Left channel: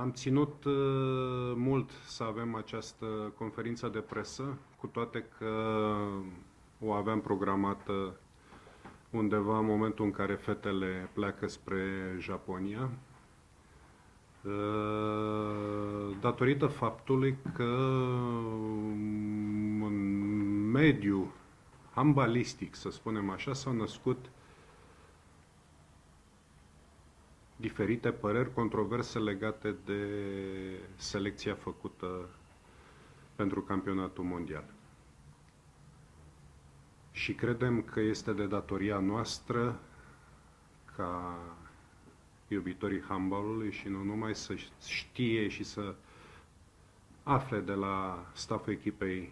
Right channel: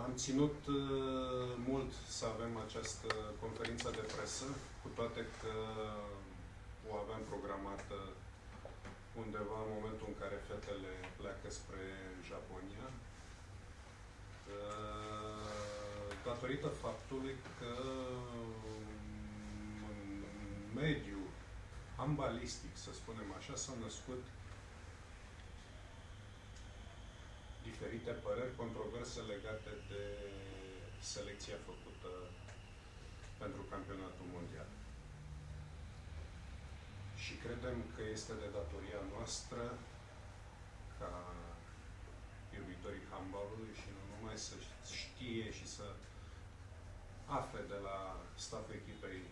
Am ținut mult să avem această conferință de presă, cu toate că o aveam programată undeva în momentul în care fetele pleacă spre Japonia, datorită faptului că în mediul handbalistic, să spunem așa, s-au născut diferite păreri controverse legate de selecția făcută pentru campionatul mondial. Și credem că este de datoria noastră ca iubitorii handbalului și nu numai să știe și să afle de la stafful echipei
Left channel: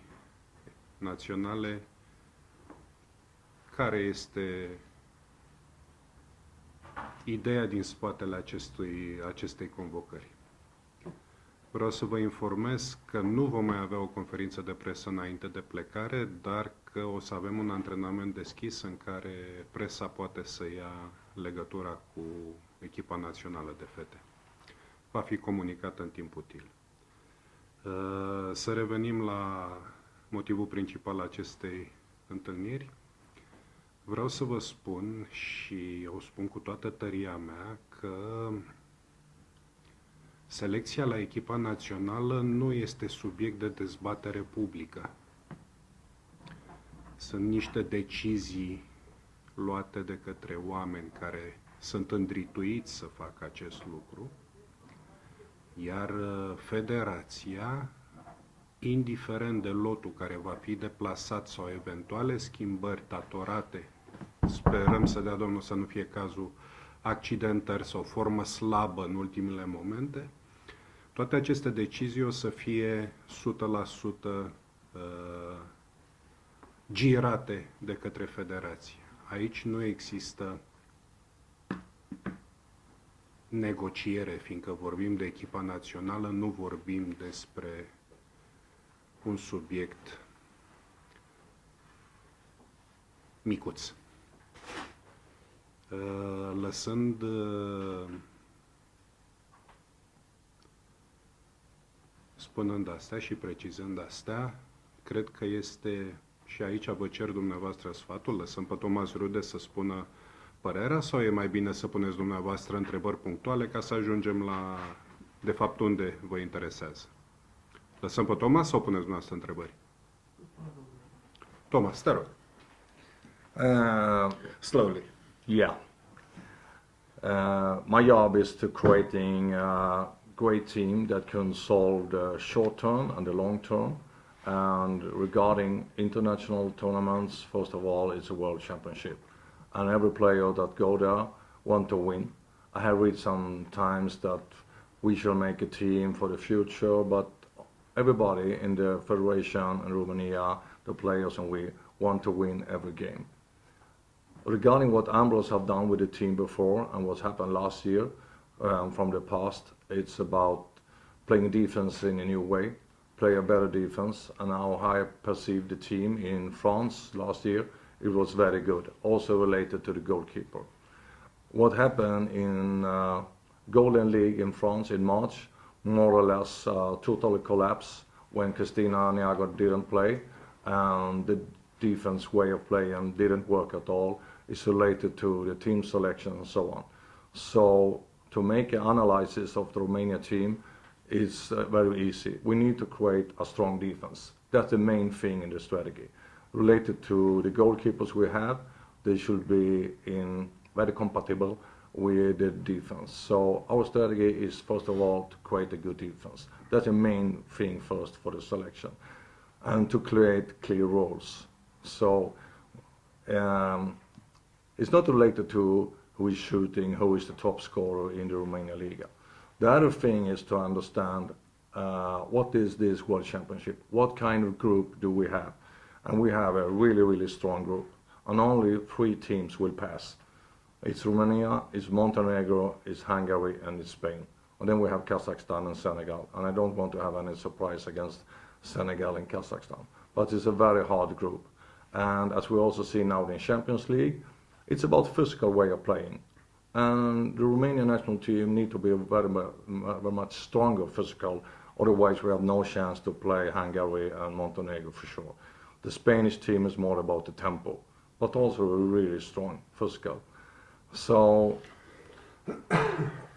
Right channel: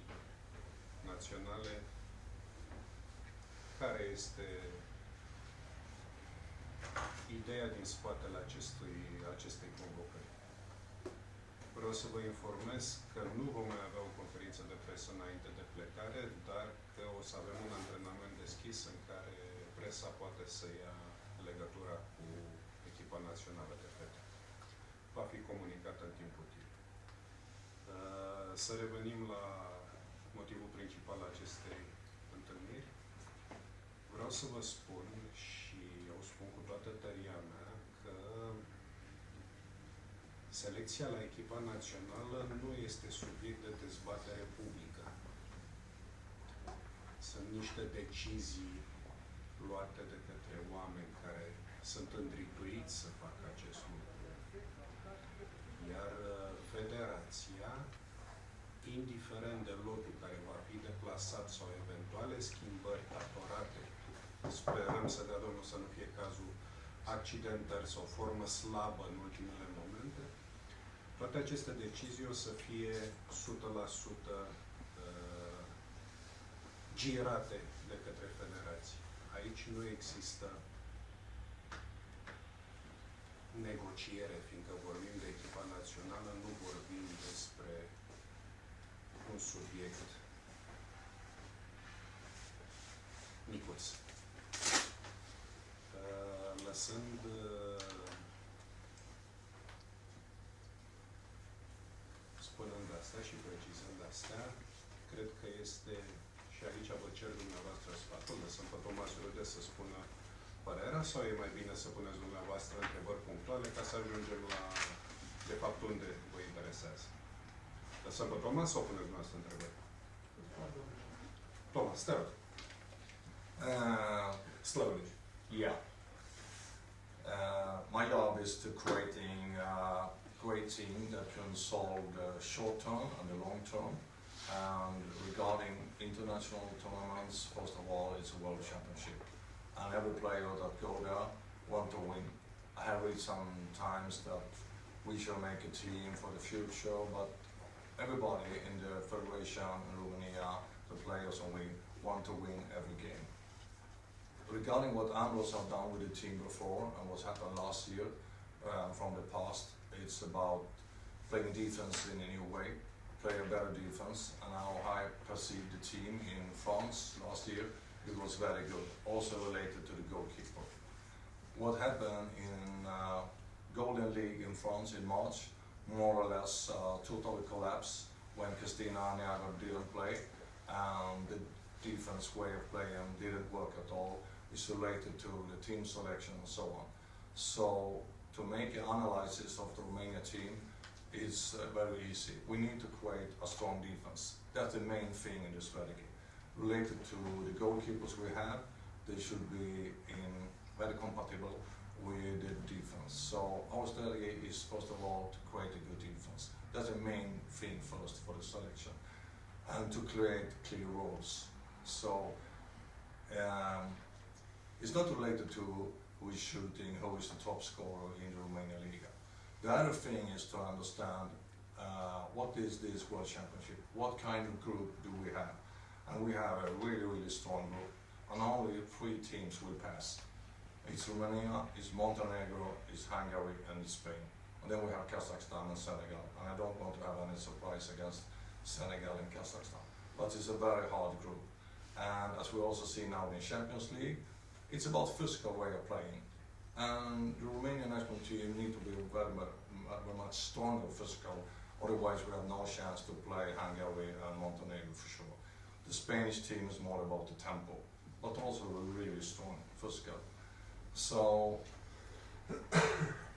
naționale care este ideea din spatele acestei convocări. Vreau să vă informez că nu vom mai avea o conferință de presă înainte de plecare, dar că o să avem un antrenament deschis în care presa poate să ia legătura cu echipa națională de fete. Va fi comunicat în timp util. Să revenim la motivul principal al acestei întâlniri. Vreau să vă spun, și o spun cu toată tăria mea, că selecția la echipa națională nu este subiect de dezbatere publică. Sunt niște decizii luate de către oameni care sunt îndrituiți să facă acest lucru, iar federația, indiferent de lotul care va fi deplasat sau eventuale schimbări datorate, sperăm să dea Domnul să nu fie cazul, accidentări sau formă slabă în ultimele momente, toate aceste decizii o să fie 100% girate de către federație. Aici nu există negociere, fiindcă vorbim de echipa națională, nu vorbim despre un subiect micuț. Lăsând spunând astea și precizând astea, cred că este, și aici vă cer dumneavoastră sfatul, lăsăm pe Tomas Rude să spună părerea, sau e mai bine să puneți dumneavoastră întrebări punctuale ca să ajungem la, de fapt, unde vă interesează? Lăsăm pe Tomas sau puneți dumneavoastră întrebări? Tomas, te rog. Slowly. Yeah. My job is to creating a great team that can solve the short term and the long term. And regarding international tournaments, first of all, it's a world championship. And every player that go there want to win. I have read sometimes that we shall make a team for the future, but everybody in the federation in Romania, the players and we want to win every game. Regarding what Ambros have done with the team before and what's happened last year from the past, it's about playing defense in a new way, play a better defense, and how I perceived the team in France last year, it was very good, also related to the goalkeeper. What happened in Golden League in France in March, more or less totally collapsed when Cristina Niago didn't play, and the defense way of playing didn't work at all. It's related to the team selection and so on. So to make an analysis of the Romania team is very easy. We need to create a strong defense. That's the main thing in the strategy. Related to the goalkeepers we have, they should be very compatible with the defense. So our strategy is first of all to create a good defense. That's the main thing first for the selection, and to create clear roles. So it's not related to who is shooting, who is the top scorer in the Romania Liga. The other thing is to understand what is this World Championship, what kind of group do we have? And we have a really, really strong group, and only 3 teams will pass. It's Romania, it's Montenegro, it's Hungary, and it's Spain. And then we have Kazakhstan and Senegal, and I don't want to have any surprise against Senegal and Kazakhstan. But it's a very hard group. And as we also see now in Champions League, it's about physical way of playing. And the Romanian national team need to be very much stronger physical, otherwise we have no chance to play Hungary and Montenegro for sure. The Spanish team is more about the tempo, but also really strong physical. So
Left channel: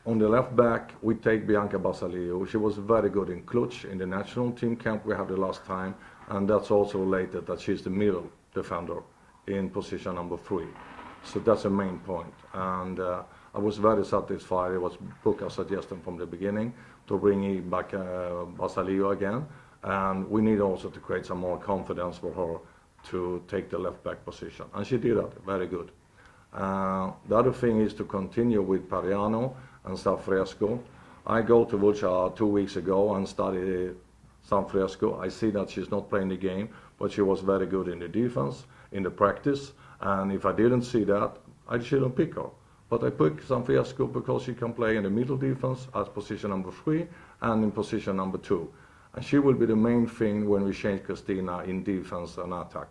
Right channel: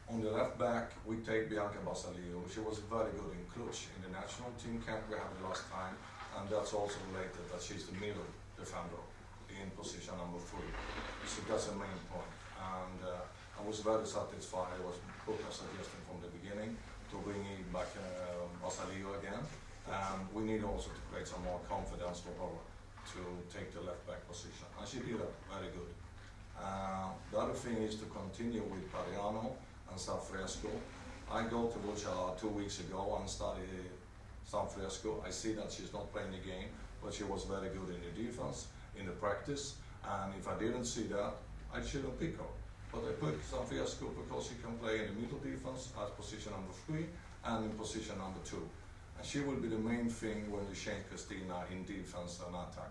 on the left back, we take Bianca Basaliu. She was very good in Cluj in the national team camp we had the last time, and that's also related that she's the middle defender in position number 3. So that's the main point. And I was very satisfied. It was Buka's suggestion from the beginning to bring back Basaliu again. And we need also to create some more confidence for her to take the left back position. And she did that very good. The other thing is to continue with Pariano and Sanfresco. I go to Vuccia 2 weeks ago and study Sanfresco. I see that she's not playing the game, but she was very good in the defense, in the practice. And if I didn't see that, I shouldn't pick her. But I picked Sanfresco because she can play in the middle defense as position number 3 and in position number 2. And she will be the main thing when we change Christina in defense and attack.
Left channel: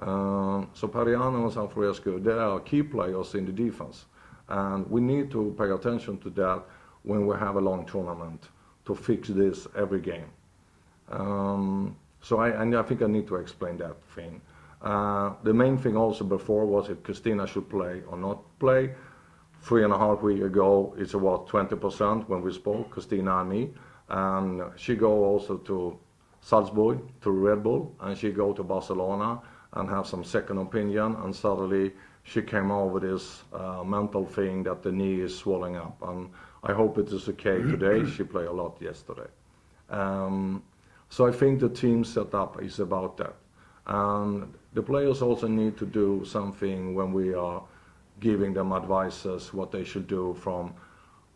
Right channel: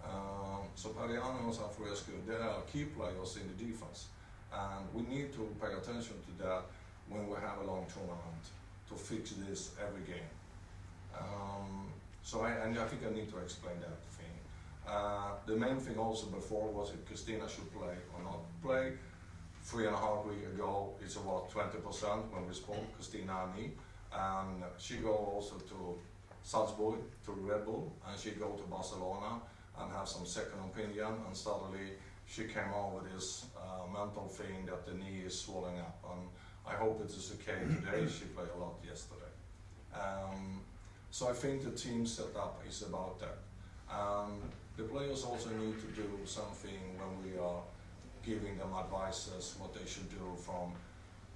So Pariano and Sanfresco, they are key players in the defense. And we need to pay attention to that when we have a long tournament to fix this every game. So I think I need to explain that thing. The main thing also before was if Christina should play or not play. 3.5 weeks ago, it's about 20% when we spoke, Christina and me. And she go also to Salzburg, to Red Bull, and she go to Barcelona and have some second opinion, and suddenly she came over this mental thing that the knee is swelling up, and I hope it is okay today. She played a lot yesterday. So I think the team setup is about that. And the players also need to do something when we are giving them advices what they should do from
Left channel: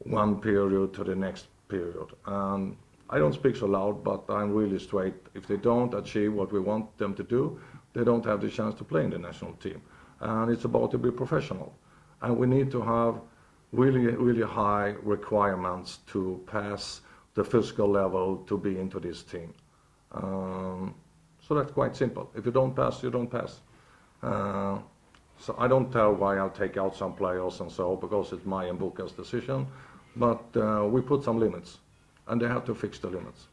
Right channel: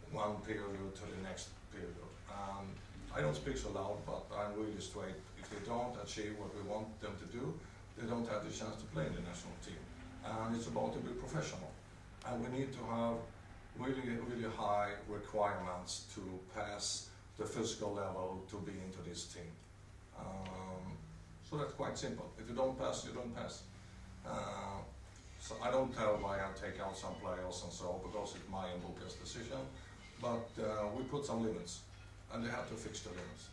one period to the next period. And I don't speak so loud, but I'm really straight. If they don't achieve what we want them to do, they don't have the chance to play in the national team. And it's about to be professional. And we need to have really, really high requirements to pass the physical level to be into this team. So that's quite simple. If you don't pass, you don't pass. So I don't tell why I'll take out some players and so, because it's my and Buka's decision. But we put some limits, and they have to fix the limits.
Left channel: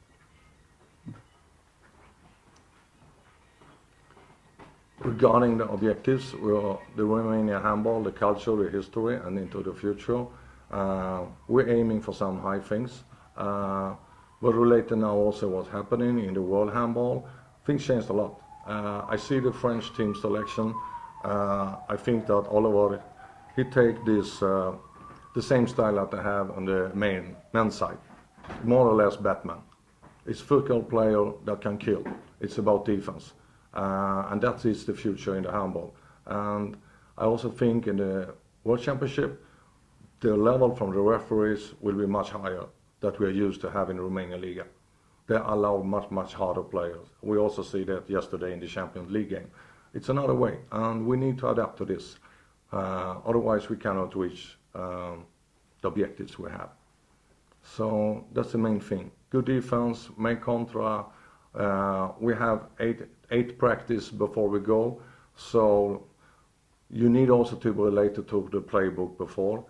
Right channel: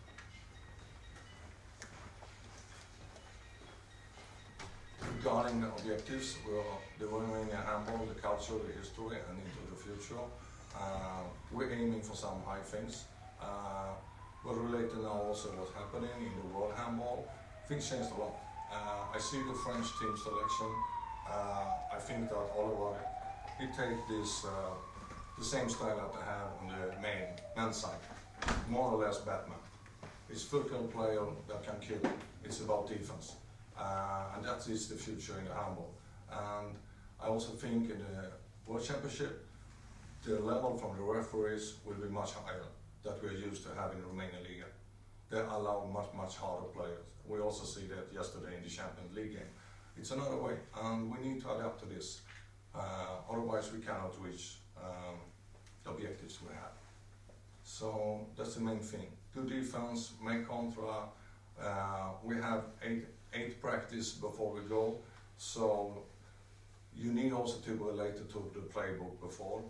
Regarding the objectives, the Romanian handball, the culture, the history, and into the future, we're aiming for some high things. But related now also what's happening in the world handball, things changed a lot. I see the French team selection. I think that Oliver, he take this the same style that they have on the men's side, more or less Batman. It's football player that can kill. It's about defense. And that is the future in the handball. And I also think in the World Championship, the level from the referees will be much higher that we are used to having in Romania Liga. They allow much harder players. We also see that yesterday in the Champions League game. It's another way, and we need to adapt to this. Otherwise, we cannot reach the objectives we have. So that's the main thing. Good defense, make contra. We have eight practice before we go, so you need also to be related to the playbook before.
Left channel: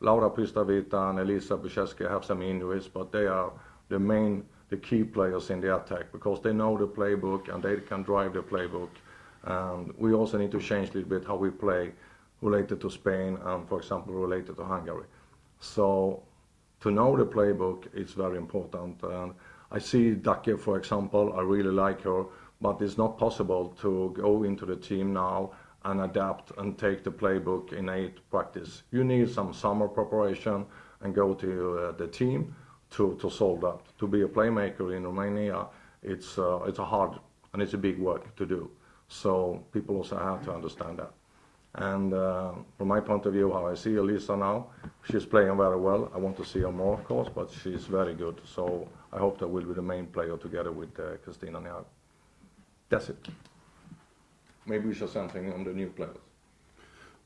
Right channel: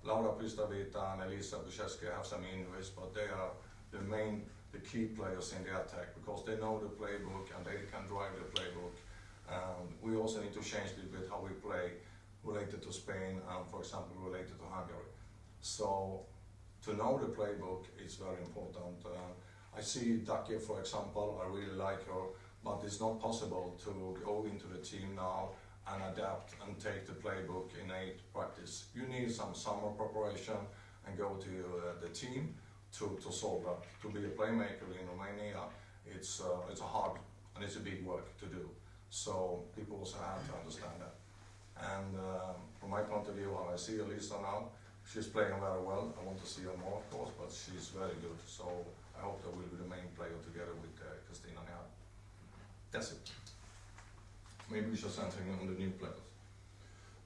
Laura Pistavita and Elisa Bucheski have some injuries, but they are the key players in the attack because they know the playbook and they can drive the playbook. And we also need to change a little bit how we play related to Spain and, for example, related to Hungary. So to know the playbook is very important. I see Dake, for example, I really like her, but it's not possible to go into the team now and adapt and take the playbook in 8 practice. You need some summer preparation and go to the team to solve that. To be a playmaker in Romania, it's a hard and it's a big work to do. So people also have to understand that. And from my point of view, how I see Elisa now, she's playing very well. I want to see her more, of course, but she's very good. So I hope that will be the main player together with Christina Niag. That's it. Maybe we shall something on the new players.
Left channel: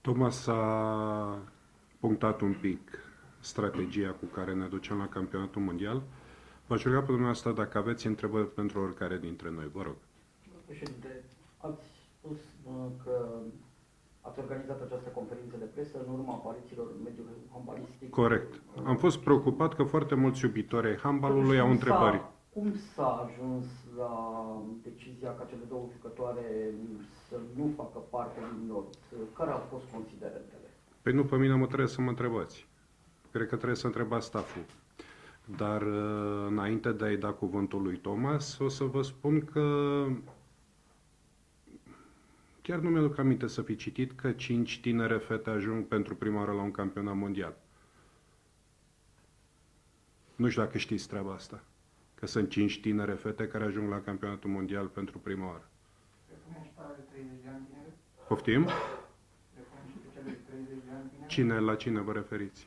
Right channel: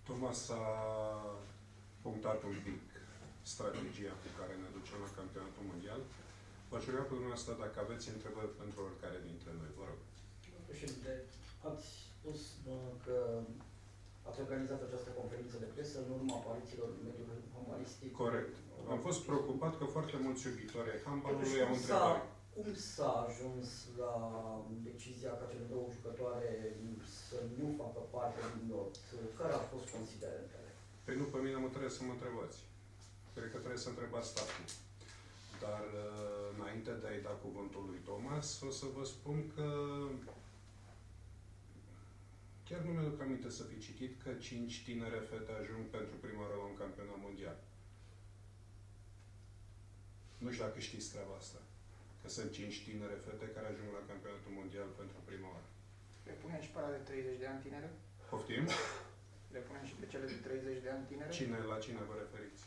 Thomas a punctat un pic strategia cu care ne ducem la campionatul mondial. V-aș ruga pe dumneavoastră dacă aveți întrebări pentru oricare dintre noi, vă rog. Președinte, ați spus că Ați organizat această conferință de presă în urma aparițiilor în mediul handbalistic. Corect. Am fost preocupat că foarte mulți iubitori ai handbalului au întrebări. Cum s-a ajuns la decizia ca cele două jucătoare să nu facă parte din lot? Care au fost considerentele? Păi nu, pe mine mă trebuie să mă întrebați. Cred că trebuie să întrebați stafful. Dar înainte de a-i da cuvântul lui Thomas, o să vă spun că chiar nu mi-aduc aminte să fi citit că 5 tinere fete ajung pentru prima oară la un campionat mondial. Nu știu dacă știți treaba asta. Că sunt 5 tinere fete care ajung la campionatul mondial pentru prima oară. Le punem și pe ale de 30 de ani tinere? Poftim? Le punem și pe cele de 30 de ani tinere? La cine vă referiți?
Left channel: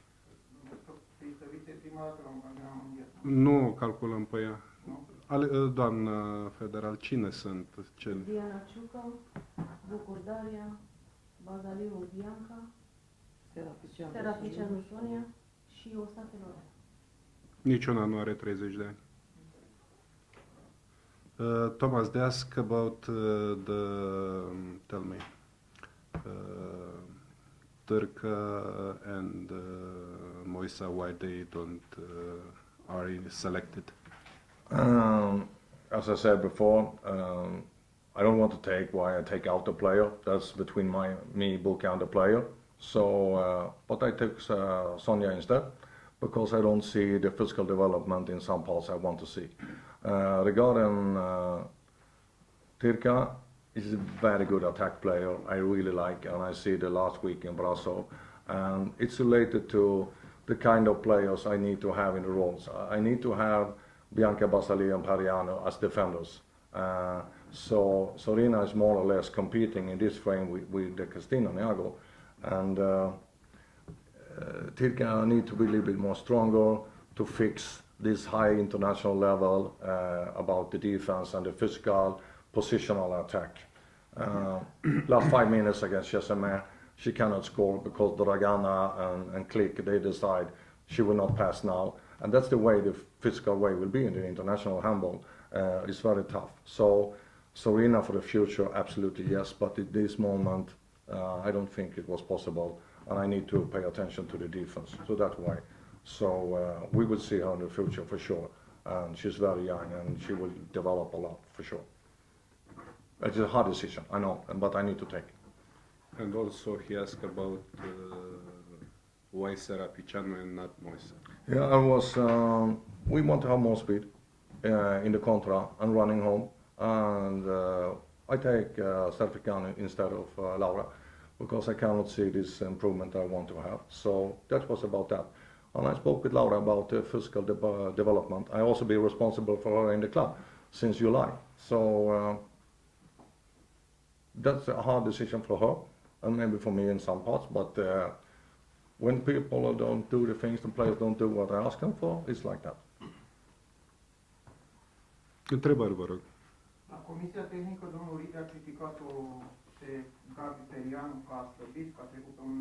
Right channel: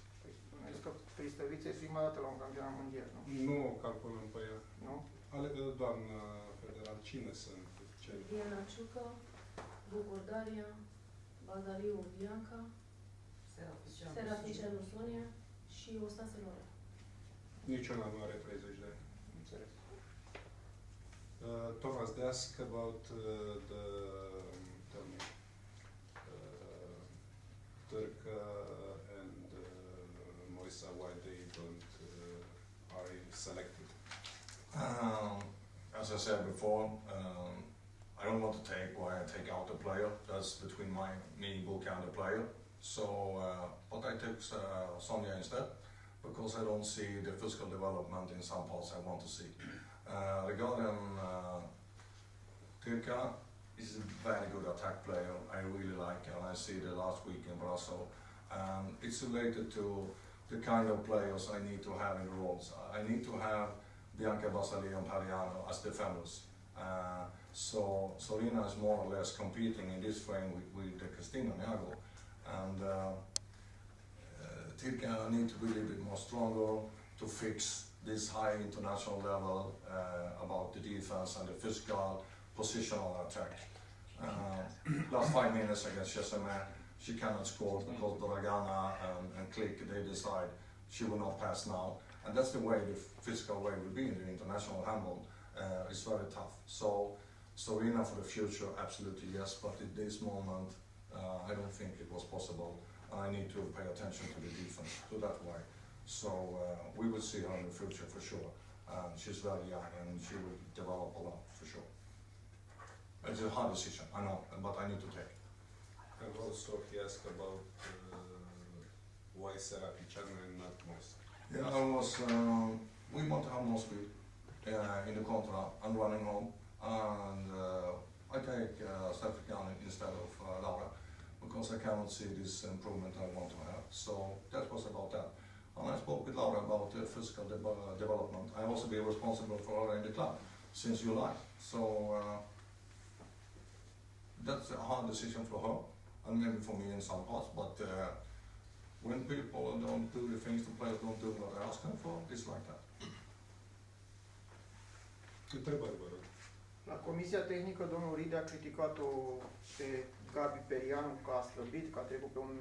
Pristăvițe sunt prima dată la un campionat mondial, nu? Nu calculăm pe ea. Nu? Doamnă federal, cine sunt? Diana Ciucă, Bucur Daria, Badaliu Bianca, Seraficianu Sonia și Ostase Lore. Niciuna nu are 30 de ani. Thomas, they ask about tell me, Turca and Moisa, why they don't are selected? As I said before, I don't want to take why I take out the player. That's between me, Buka, and the player. So, but I took Sonia instead because I don't see the physical development in some parts I want to see. Regarding Tirka, he's a very good attack player. I really like, and I see the last week in Brasso, and it's related to the kind of players I need to have in the roles. I need to have Bianca Basali and Pariano as defenders. So Sorina is more or less competing in this frame with the Cristina Niago, and Tirka need to be a little bit more stronger to fix this high international level about the defense and the physical positional attack. Last 5 minutes against Chesame, she cannot score because Dragana and Click, they decide she will not pass now. And that's the way the physical way will be in the international handball. It's very tough. So Sorina for the future, absolutely yes, but at this moment, I don't think it was possible. And I need to pay attention to the defense, so that's why. So we will see her in the future for sure. And she's very young and she will develop a lot for sure. It's a hard decision, I know, but I need to take it. And also he asked about why Seraficianu and not Moise. Yeah, we want to have more speed in the contra and running home. And I take Seraficianu instead of Laura because I cannot see this improvement I want to have. So that was about that. And I spoke with Laura about physical development. I also be responsible for her in the club since July. So that's a hard decision for her and maybe for me in some parts. But when people don't do the things, the players don't do what I ask them for, it's like that. Întrebări, vă rog. La Comisia Tehnică, domnul Ride a criticat-o pe Gabi Perianu că a slăbit, că a trecut pe un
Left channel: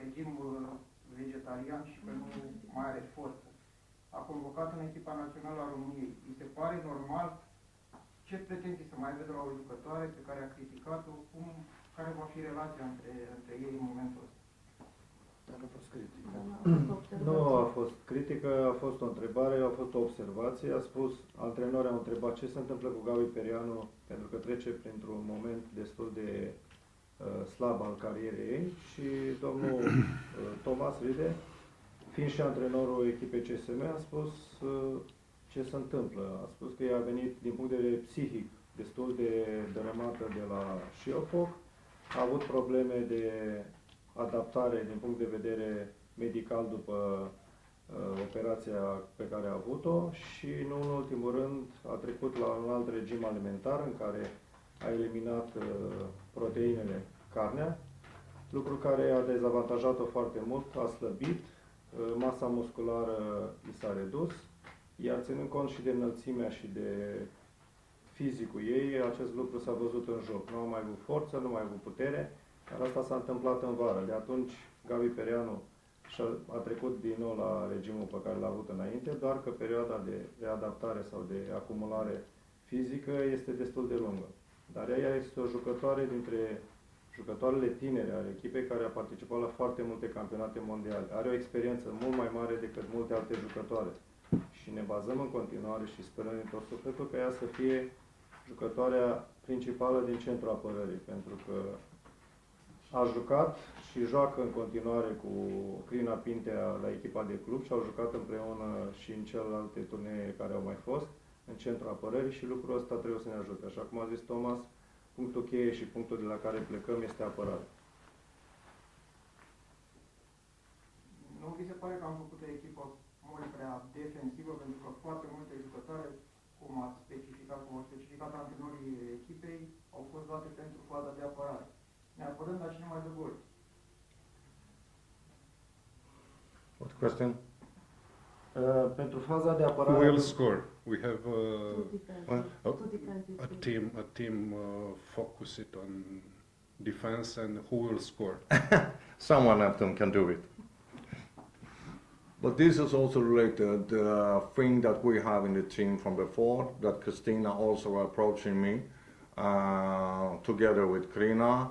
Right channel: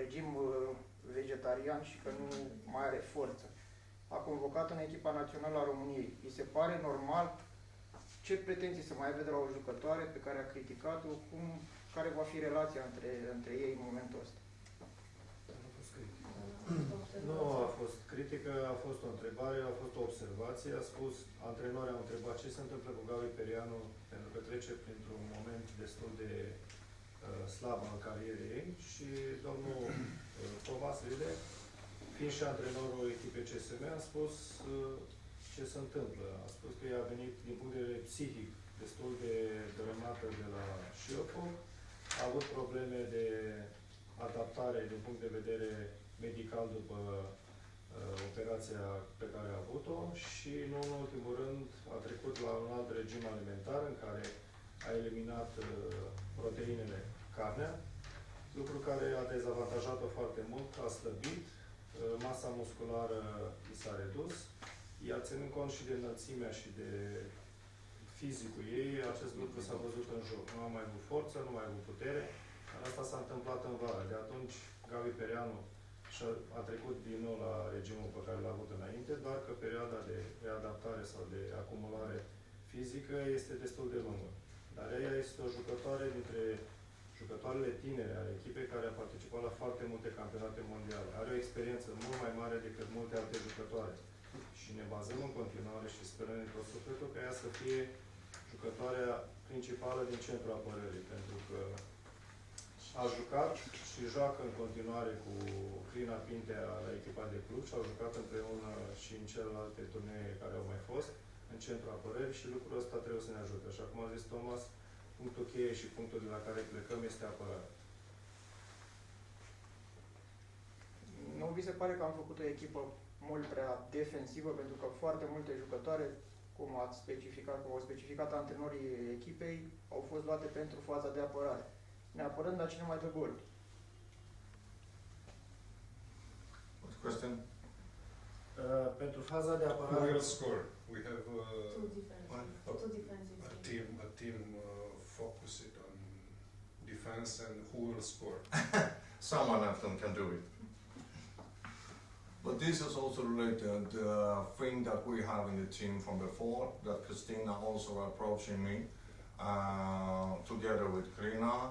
regim vegetarian și că nu mai are forță. A convocat în echipa națională a României. Îi se pare normal? Ce pretenții să mai aibă de la o jucătoare pe care a criticat-o? Care va fi relația între ei în momentul ăsta? Nu a fost critică, a fost o întrebare, a fost o observație. A spus, antrenorii au întrebat ce se întâmplă cu Gabi Perianu pentru că trece printr-un moment destul de slab al carierei ei și domnul Thomas Ride, fiind și antrenorul echipei CSM, a spus ce se întâmplă. A spus că ea a venit din punct de vedere psihic destul de dărâmată de la Șiopov, a avut probleme de adaptare din punct de vedere medical după operația pe care a avut-o și, nu în ultimul rând, a trecut la un alt regim alimentar în care a eliminat proteinele, carnea, lucru care a dezavantajat-o foarte mult, a slăbit, masa musculară i s-a redus, iar ținând cont și de înălțimea și de fizicul ei, acest lucru s-a văzut în joc. Nu a mai avut forță, nu a mai avut putere, dar asta s-a întâmplat în vară. De atunci, Gabi Perianu a trecut din nou la regimul pe care l-a avut înainte, doar că perioada de readaptare sau de acumulare fizică este destul de lungă. Dar ea este o jucătoare dintre jucătoarele tinere ale echipei care a participat la foarte multe campionate mondiale. Are o experiență mult mai mare decât multe alte jucătoare. Și ne bazăm în continuare și sperăm din tot sufletul că ea să fie jucătoarea principală din centrul apărării, pentru că a jucat și joacă în continuare cu Crina Pintea la echipa de club și au jucat împreună și în celelalte turnee care au mai fost, în centrul apărării, și lucrul ăsta trebuie să ne ajute. Așa cum a zis Thomas, punctul cheie și punctul de la care plecăm este apărarea. Nu vi se pare că am făcut o echipă mult prea defensivă, pentru că foarte multe jucătoare, cum au specificat antrenorii echipei, au fost luate pentru faza de apărare. Ne apărăm, dar cine mai dă gol? What question? Pentru faza de Who apărare... will score? We have Two defensive. Oh. Two defensive. a team focused on defense, and who will score? Someone of them can do it. But this is also related thing that we have in the team from before, that Christina also approaching me together with Krina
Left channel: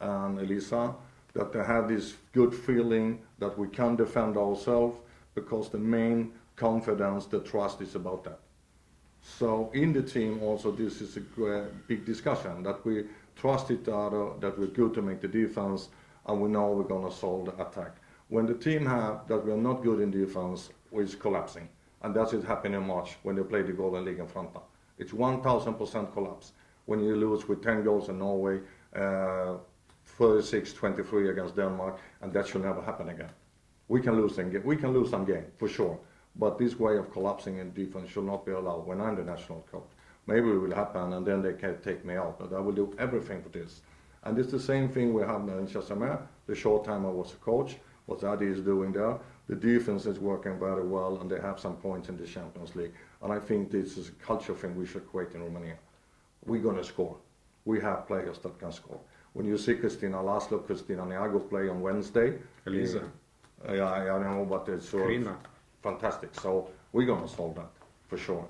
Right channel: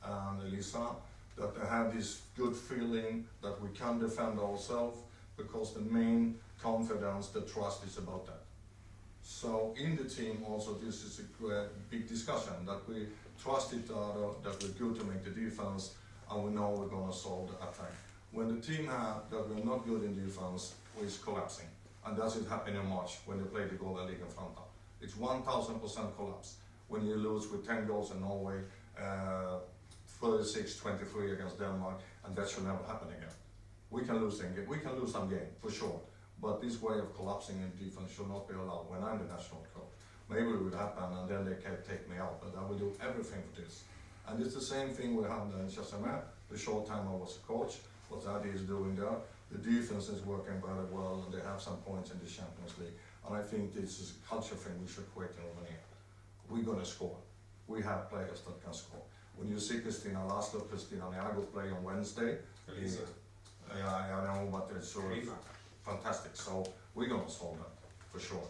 and Elisa, that they have this good feeling that we can defend ourselves, because the main confidence, the trust is about that. So in the team also this is a big discussion, that we trust each other, that we're good to make the defense, and we know we're going to solve the attack. When the team have that we're not good in defense, it's collapsing. And that's it happened in March when they played the Golden League in Franta. It's 1000% collapse. When you lose with 10 goals in Norway, 36-23 against Denmark, and that should never happen again. We can lose some game, for sure. But this way of collapsing in defense should not be allowed when I'm the national coach. Maybe it will happen and then they can take me out, but I will do everything for this. And it's the same thing we have in Chassamer. The short time I was a coach, what Adi is doing there. The defense is working very well and they have some points in the Champions League. And I think this is a culture thing we should create in Romania. We're going to score. We have players that can score. When you see Christina Laszlo, Christina Neago play on Wednesday. Elisa. I know, but it's Krina. fantastic. So we're going to solve that, for sure.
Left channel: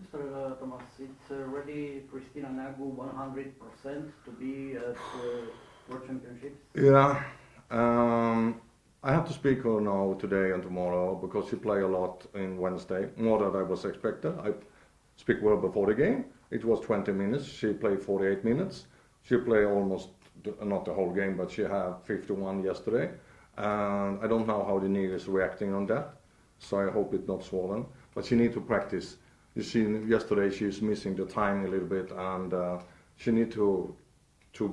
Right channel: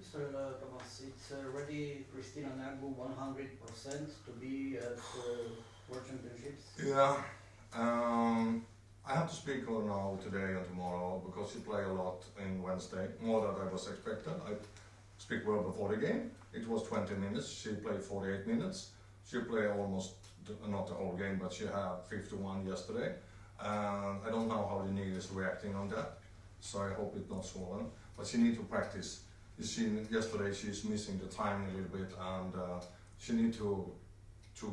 Mr. Thomas, it's already Christina Nagu 100% to be at World Championships? Yeah. I have to speak her now today and tomorrow, because she play a lot in Wednesday, more than I was expected. I speak with her before the game. It was 20 minutes. She played 48 minutes. She played almost, not the whole game, but she had 51 yesterday. And I don't know how the knee is reacting on that, so I hope it's not swollen. But she need to practice. You see, yesterday she's missing the time a little bit, and she need to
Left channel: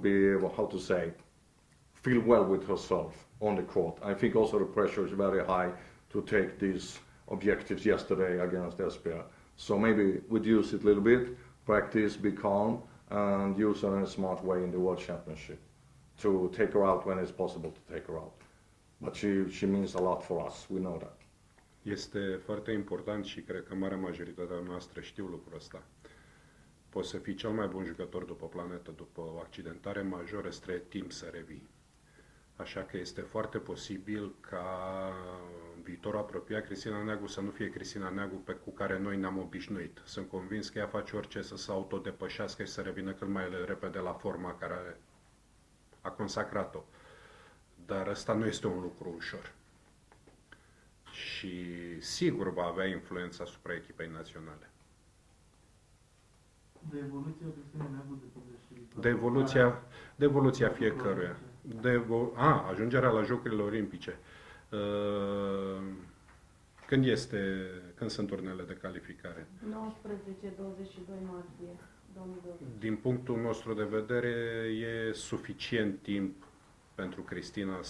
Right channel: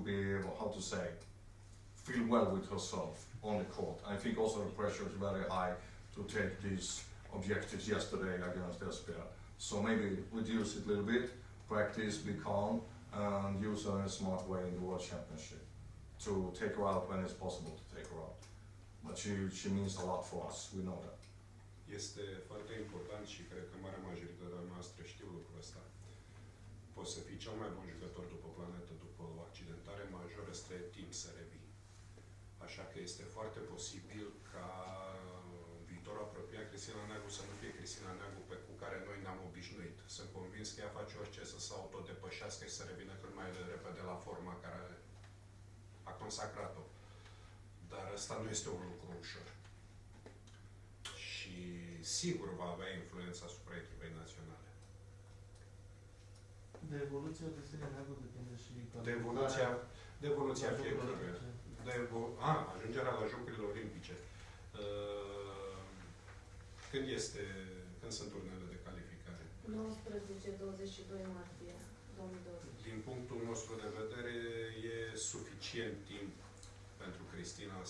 be able, how to say, feel well with herself on the court. I think also the pressure is very high to take these objectives yesterday against Esbjerg. So maybe reduce it a little bit, practice, be calm, and use her in a smart way in the World Championship to take her out when it's possible to take her out. But she means a lot for us, we know that. Este foarte important și cred că marea majoritatea noastră știu lucrul ăsta. Poți să fii cel mai bun jucător după planetă, după o accidentare majoră, îți trebuie timp să revii. Așa că este foarte posibil ca în viitorul apropiat Cristina Neagu să nu fie Cristina Neagu cu care noi ne-am obișnuit. Sunt convins că ea face orice să se autodepășească și să revină cât mai repede la forma care a consacrat-o. Dar ăsta nu este un lucru ușor. Și sigur va avea influență asupra echipei naționale. De evoluția Cristina Neagu depinde și... De evoluția fiecăruia. Ajungerea la Jocurile Olimpice. Când sunt turnele de calificare? 19-22 martie 2020. Din punctul nostru de vedere, e suficient timp pentru Cristina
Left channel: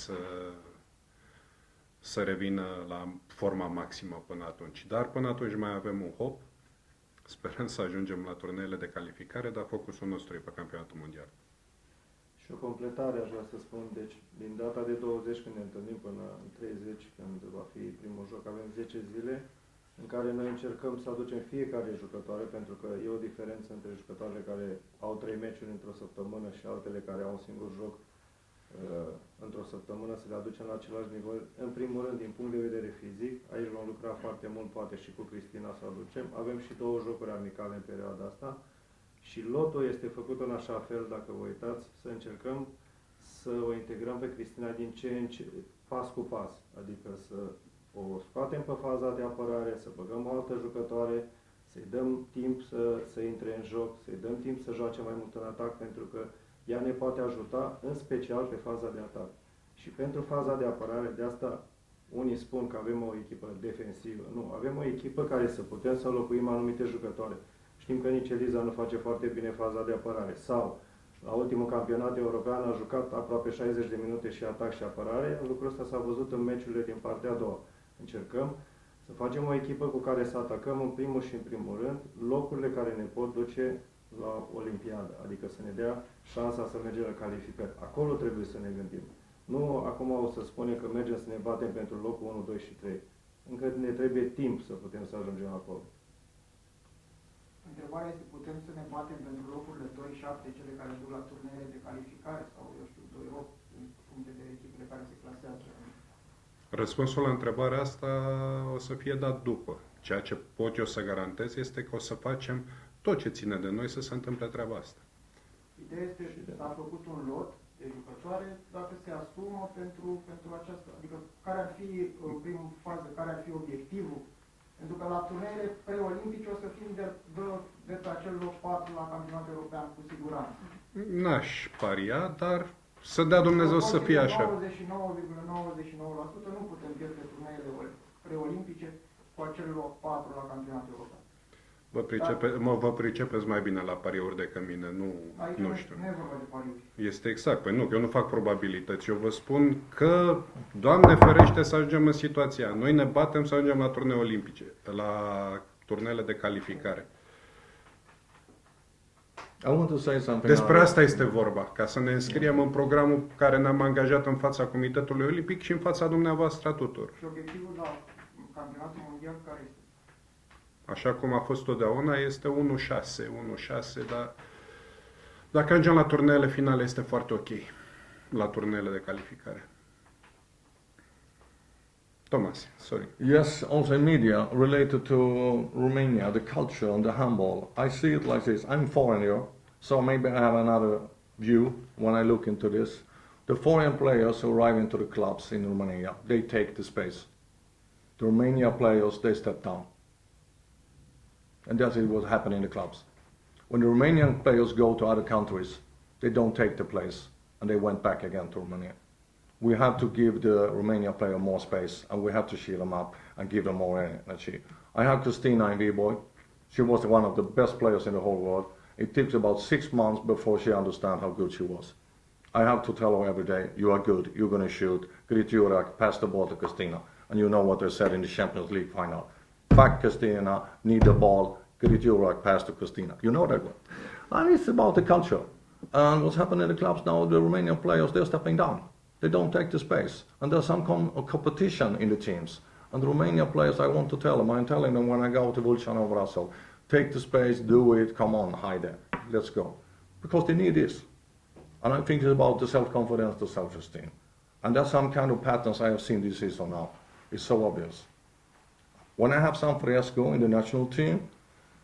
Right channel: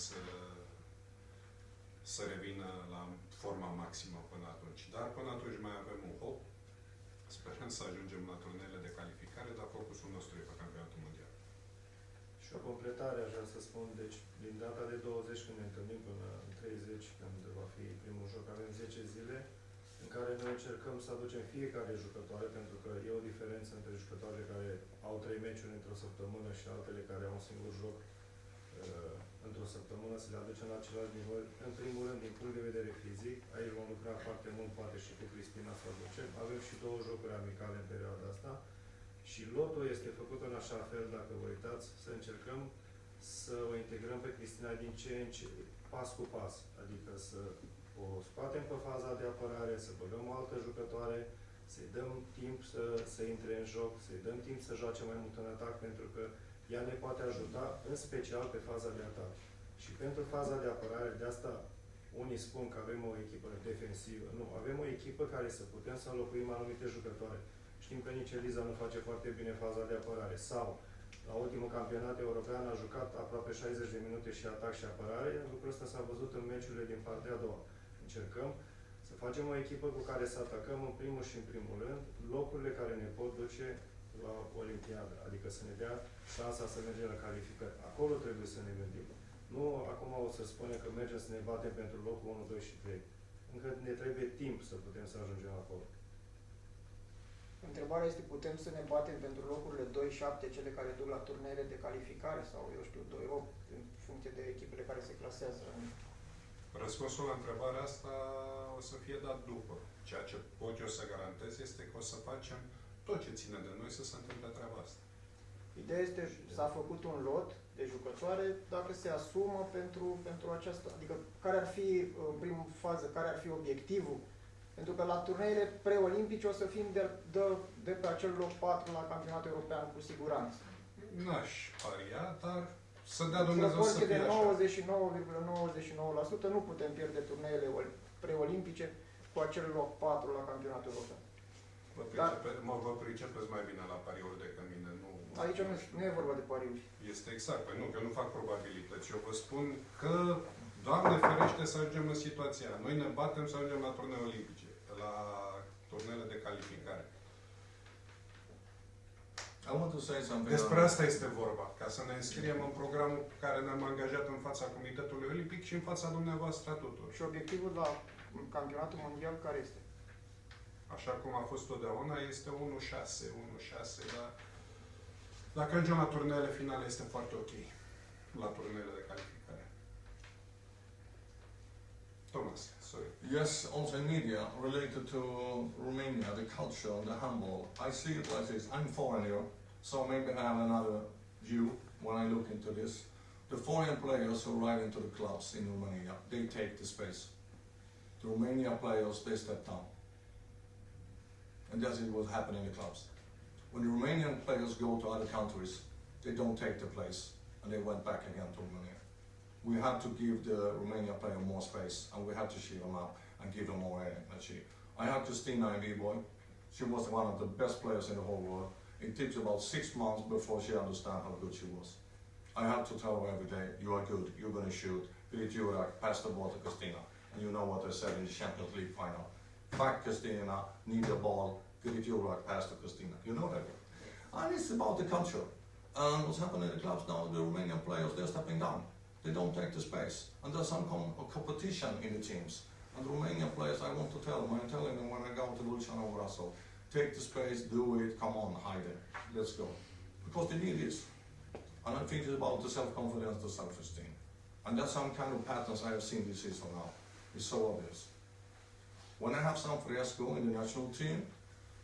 să revină la forma maximă până atunci. Dar până atunci mai avem un hop. Sperăm să ajungem la turneele de calificare, dar focusul nostru e pe campionatul mondial. Și o completare aș vrea să spun, deci din data de 20 când ne întâlnim până în 30, când va fi primul joc, avem 10 zile în care noi încercăm să aducem fiecare jucătoare, pentru că e o diferență între jucătoarele care au 3 meciuri într-o săptămână și altele care au un singur joc într-o săptămână, să le aducem la același nivel. În primul rând, din punct de vedere fizic, aici vom lucra foarte mult, poate și cu Cristina să aducem. Avem și 2 jocuri amicale în perioada asta Și lotul este făcut în așa fel, dacă vă uitați, să încercăm să o integrăm pe Cristina din ce în ce, pas cu pas. Adică să o scoatem pe faza de apărare, să băgăm o altă jucătoare, să-i dăm timp să intre în joc, să-i dăm timp să joace mai mult în atac, pentru că ea ne poate ajuta, în special pe faza de atac. Și pentru faza de apărare, de asta unii spun că avem o echipă defensivă. Nu, avem o echipă care să putem să înlocuim anumite jucătoare. Știm că nici Eliza nu face foarte bine faza de apărare. Sau, la ultimul campionat european a jucat aproape 60 de minute și atac și apărare. Lucrul ăsta s-a văzut în meciurile din partea a doua. Încercăm să facem o echipă cu care să atacăm în primul și în primul rând locurile care ne pot duce la Olimpiadă. Adică să ne dea șansa să mergem la calificări. Acolo trebuie să ne gândim. Nu acum o să spunem că mergem să ne batem pentru locul 1, 2 și 3. Încă ne trebuie timp să putem să ajungem acolo. Întrebarea este, putem să ne batem pentru locurile 2-7, cele care duc la turneele de calificare sau, eu știu, 2-8, în funcție de echipele care se clasează? Răspunsul la întrebarea asta o să fie dat după. Ceea ce pot eu să garantez este că o să facem tot ce ține de noi să se întâmple treaba asta. Ideea este, s-a făcut un lot de jucătoare, dacă se asumă pentru aceasta, adică care ar fi, în primă fază, care ar fi obiectivul? Pentru că la turneile preolimpice o să fim de pe acel loc 4 la campionatul european, cu siguranță. N-aș paria, dar să dea Dumnezeu să fie așa. 99,99% nu putem pierde turneile preolimpice cu acel loc 4 la campionatul european. Vă pricepeți mai bine la pariuri decât mine, Aici nu știu. nu e vorba de pariuri. Este exact. Păi nu, că eu nu fac probabilități. Eu vă spun că, Doamne ferește, să ajungem în situația. Noi ne batem să ajungem la turnee olimpice, la turnele de calificare. I want to say something. Despre asta este vorba, ca să ne înscriem în programul care ne-am angajat în fața Comitetului Olimpic și în fața dumneavoastră tuturor. Și obiectivul la campionatul mondial care este? Așa cum a fost totdeauna, este 1-6, dar dacă ajungem la turneele finale este foarte ok, la turneele de calificare. Thomas, sorry. Yes, also in media related to Romania, the culture and the handball. I see it like this. I'm foreigner, so maybe I have another view when I look into this. The foreign players who arrive into the clubs in Romania, they take the space. The Romania players, they step down. And that's what happened in the clubs. When the Romanian players go to other countries, they don't take the place, and they went back again to Romania. We have to give the Romania player more space, and we have to shield them up and give them more energy. I have Christina in V-Boy. She was one of the best players in the whole world. It takes about 6 months before she understands how good she was. I have to tell her every day, you are good, you're going to shoot. Griturak, pass the ball to Christina. And you know what they said in the Champions League final. Back Christina, need the ball, Griturak, pass to Christina. You know that one. And it's about the culture. And what's happening in the clubs now, the Romanian players, they're stepping down. They don't take the space. And there's some competition in the teams. And the Romanian players, I want to tell them, I'm telling them when I go to Vulcan or Brasov, take the space, do it, come on, hide it, let's go. Because they need this. And I think it's about the self-confidence, the self-esteem. And that's some kind of patterns I have seen this season now. It's so obvious. When I have some Fresco in the national team,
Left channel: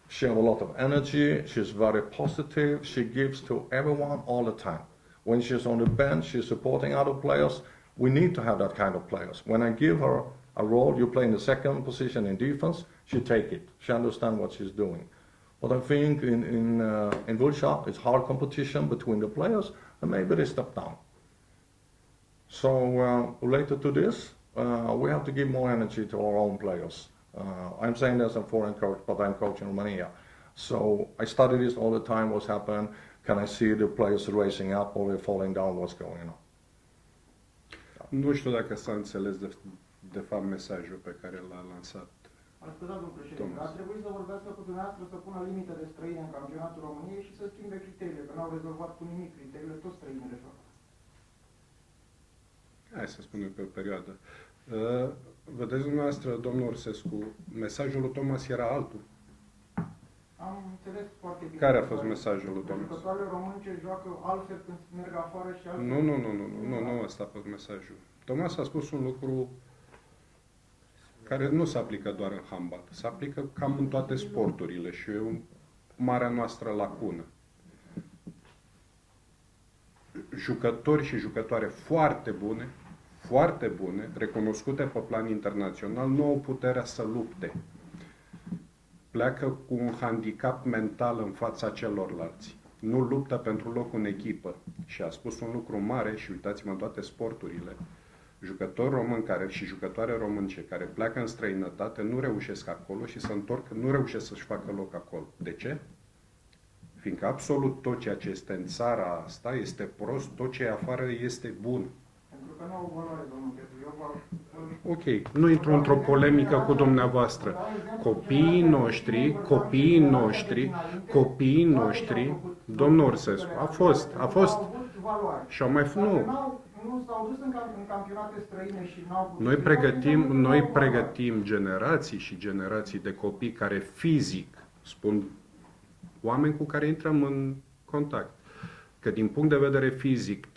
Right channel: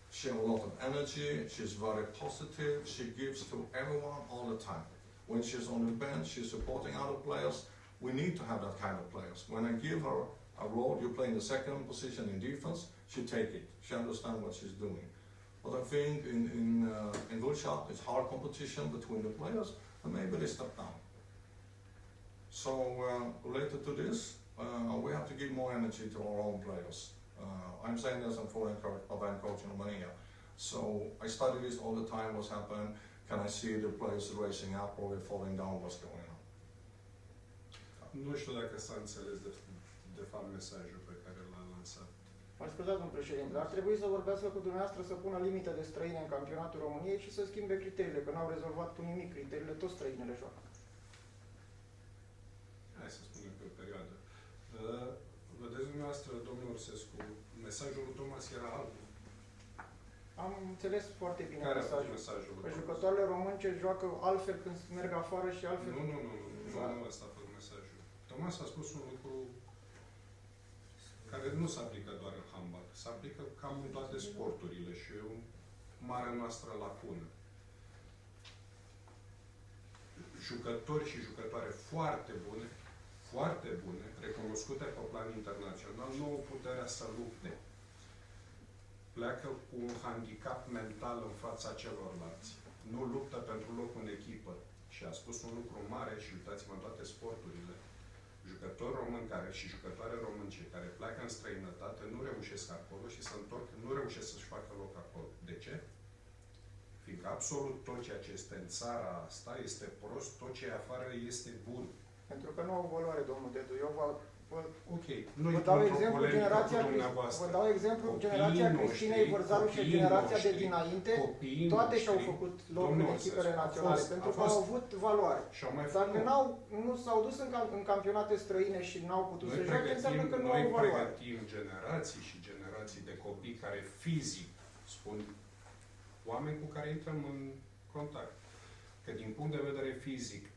she has a lot of energy, she's very positive, she gives to everyone all the time. When she's on the bench, she's supporting other players. We need to have that kind of players. When I give her a role, you play in the second position in defense, she take it. She understands what she's doing. But I think in Vulcan, it's hard competition between the players, and maybe they step down. So related to this, we have to give more energy to our own players. I'm saying as a foreign coach, but I'm coaching Romania. So I study this all the time, what's happened. Can I see the players racing up or they're falling down, what's going on? Nu știu dacă s-a înțeles de fapt mesajul pe care l-a lansat. Mă scuzați, domnul președinte, ar trebui să vorbească cu dumneavoastră să pună limită de străini în campionatul României și să schimbe criteriile, că n-au rezolvat cu nimic criteriile, toți străinile joacă. Hai să spunem pe o perioadă. Vedeți dumneavoastră, domnul Orsescu, mesajul lui Thomas era altul. Am înțeles foarte bine. Care a fost mesajul lui Thomas? Jucătoarele românce joacă altfel când merg afară și altfel... Nu, ăsta a fost mesajul. Thomas a spus un lucru care nu se aplică doar în handbal, se aplică cam în toate sporturile și eu marea noastră lacună. Jucători și jucătoare foarte bune, recunoscute pe plan internațional, nu au puterea să lupte. Pleacă cu un handicap mental în fața celorlalți. Nu luptă pentru loc în echipă. Și a spus un lucru mare, și uitați-mă în toate sporturile, jucători români și jucătoare românce care pleacă în străinătate nu reușesc acolo și se întorc, nu reușesc să-și facă loc acolo. De ce? Fiindcă absolut tot ceea ce este în țara asta este prost, tot ce e afară este bun. Pentru că nu au valoare, domnul Dedu. Eu Ok, nu intru într-o polemică cu dumneavoastră. Copiii noștri, domnul Orsescu, a fost, au avut valoare. și au mai Dacă nu s-au dus în campionate străine și n-au putut... Noi pregătim generații și generații de copii care fizic, spun oameni cu care intrăm în contact, că din punct de vedere fizic,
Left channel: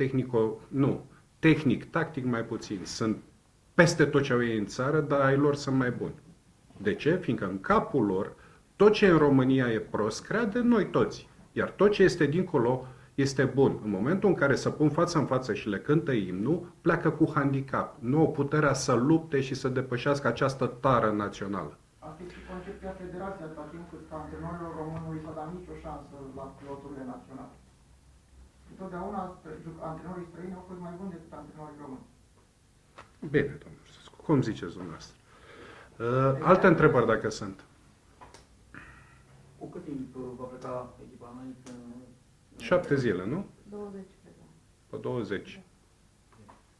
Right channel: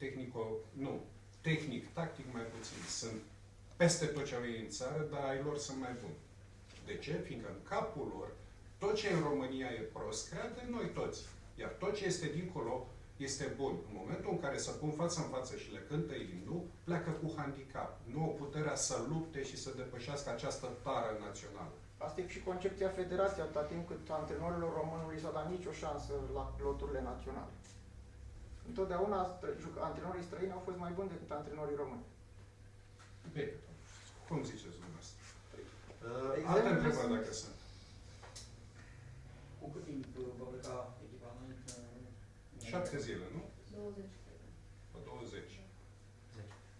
tehnic, tactic mai puțin, sunt peste tot ce au ei în țară, dar ai lor sunt mai buni. De ce? Fiindcă în capul lor, tot ce în România e prost, crede noi toți. Iar tot ce este dincolo este bun. În momentul în care se pun față în față și le cântă imnul, pleacă cu handicap. Nu au puterea să lupte și să depășească această tară națională. Asta e și concepția federației, atâta timp cât antrenorilor români nu i s-a dat nicio șansă la loturile naționale. Întotdeauna antrenorii străini au fost mai buni decât antrenorii români. Bine, domnul Sescu, cum ziceți dumneavoastră? Alte întrebări dacă sunt. Cu cât timp va pleca echipa înainte? 7 zile, nu? 20, cred. Pe 20.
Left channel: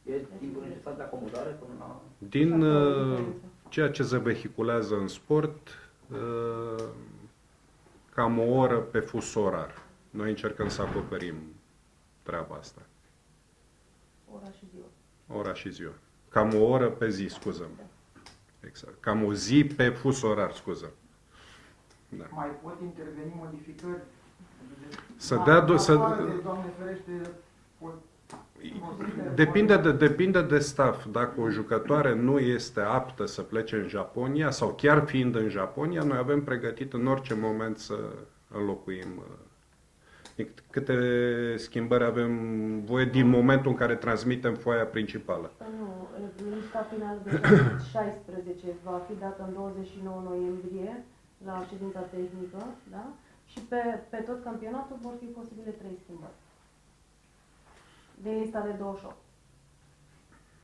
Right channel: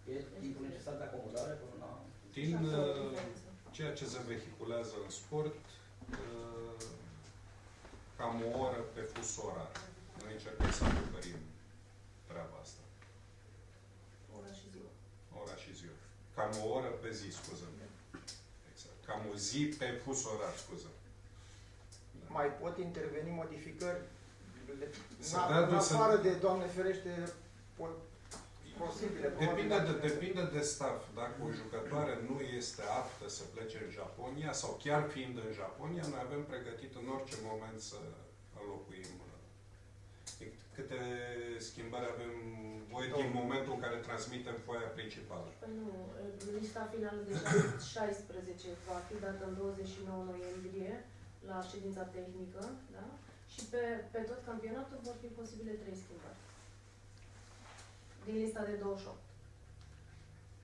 E timpul necesar de acomodare până la... Din ceea ce se vehiculează în sport, cam o oră pe fus orar. Noi încercăm să acoperim treaba asta. Ora și ziua. Ora și ziua. Cam o oră pe zi, scuză. Exact. Cam o zi pe fus orar, scuză. Da. Mai pot interveni modificări? Doamne ferește, Depinde de staff. Dacă o jucătoare nu este aptă să plece în Japonia sau chiar fiind în Japonia, noi avem pregătit în orice moment să înlocuim. Câte schimbări avem voie din momentul în care transmitem foaia principală? Păi nu, lista finală de 16 va fi dată în 29 noiembrie la ședința tehnică, da? Și pe tot campionatul vor fi posibile 3 schimbări. Din lista de 28.